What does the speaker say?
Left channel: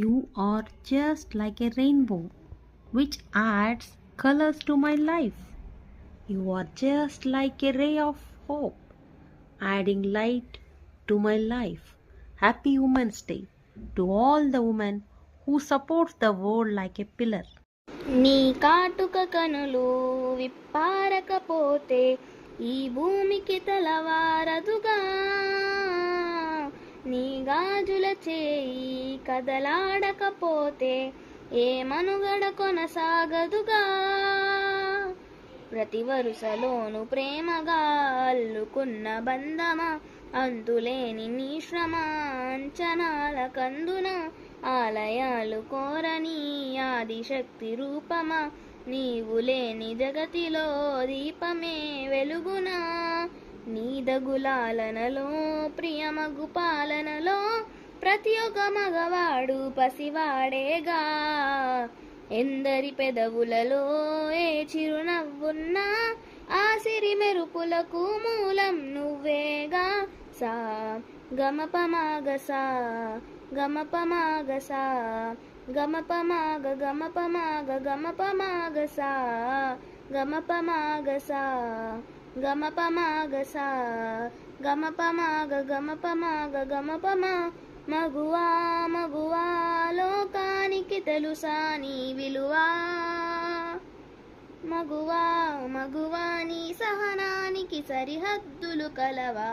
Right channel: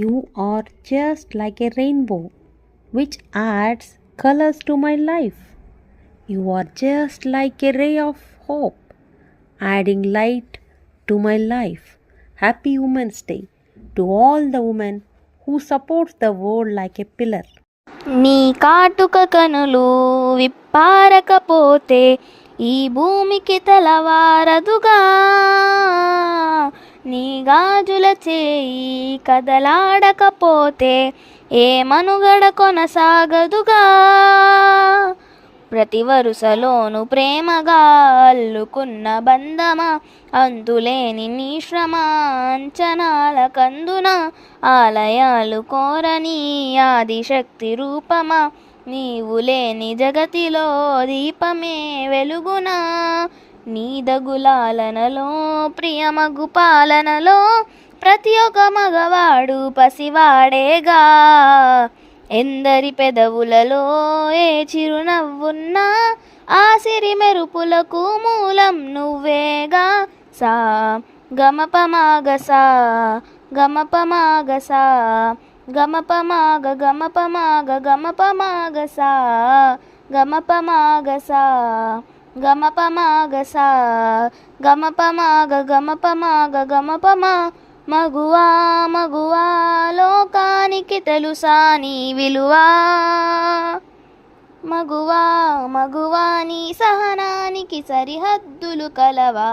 You are just like a rainbow, which adds colors to my life. You are just like a ray of hope, adding light to my life. Happy Women's Day to all the women who support the world like a pillar. నీ కాటుక కనులు విప్పారకపోతే ఈ భూమికి తెలవారదుగా. నీ గాజుల చేయి కదలాడకపోతే ఏ మనుగడ కొనసాగదుగా. ప్రతి వరుసలోను ప్రేమగా అల్లుకున్న బంధమా, అంతులేని నీ శ్రమ అంచనాల కందున, ఆలయాలు కోరని ఆదిశక్తి రూపమా, నీవు లేని జగతిలో దీపమే వెలుగునా. నీ దగులాలనలో ప్రియమగు పాలనలో ప్రతి ఒక్క మగవాడు పసివాడేగా. ఎందరి పెదవులలో ఏ చిరునవ్వున్నా ఆ సిరి మెరుపులకు మూలం నువ్వేగా. సా గమపమాగసా గమపమాగసా గమపమాగ గమపమాగ గమపమాగసా గమపమాగసా గమపమాగసా గమపమాగ గమపమాగ గమపమా. మగువా మగువా లోకానికి తెలుసా నీ విలువా. మగువా మగువా నీ సహనానికి సరిహద్దులు కలవా.